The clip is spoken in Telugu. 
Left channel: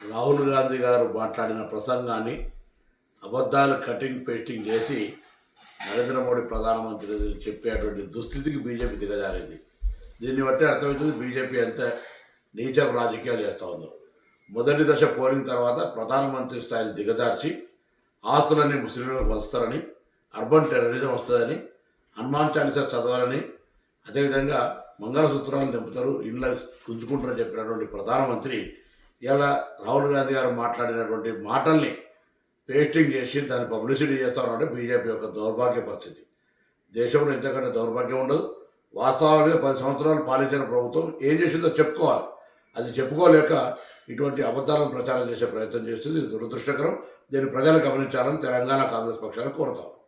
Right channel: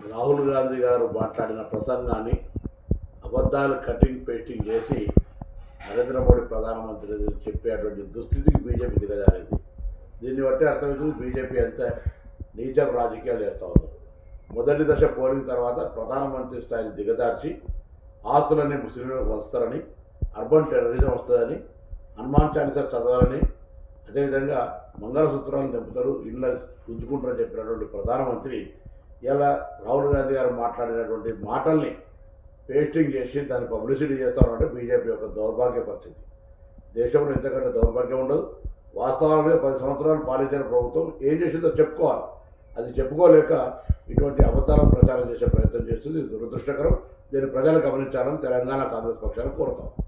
రాహుల్ గాంధీ గారు మాట్లాడిన ప్రసంగాన్ని అబద్ధాలు కటింగ్ పేస్టింగ్ చేసి నరేంద్ర మోడీ ప్రధానమంత్రి చెప్పేటువంటి దుస్థితికి బీజేపీ దిగజారింది. దీన్ని బట్టి అర్థమవుతుంది బీజేపీ ఎంత నీచం రాజకీయాలు చేస్తూ ఉన్నారు మొదటి దశ పోలింగ్ తర్వాత ప్రధానమంత్రి స్థాయిని దిగజార్చి ఆస్తులన్నీ ముస్లింలకు వస్తారని అర్బన్ టెర్రరిజం వస్తుందని హనుమాన్ చాలీసా చదవాలని అదేవిధంగా మంగళసూత్రాలు నింపుతారు ఇండ్ల గుంజుకుంటారని చెప్పినటువంటి ప్రధానమంత్రి ఇలా రాహుల్ గాంధీ గారు మాట్లాడినటువంటి మాటల్ని పేస్టింగ్ చేసి దాన్ని పబ్లిసిటీ చేస్తారంటే బీజేపీ యొక్క దౌర్భాగ్య పరిస్థితి. దేశంలో ఇంతకంటే దౌర్భాగ్యం ఉండదు. వాస్తవాలుగా పది సంవత్సరాలు పాలించిన ప్రభుత్వం ఏం చేసిందో చెప్పుకోవాలి. అది చెప్పుకోలేక ఇటువంటి అబద్ధాలను ప్రచారం చేసే ప్రయత్నం చేస్తుంది ఇది దురదృష్టకరం. దీన్ని ప్రజలు గమనించాలని తెలంగాణ కాంగ్రెస్ పక్షాన్ని కోరుతాం.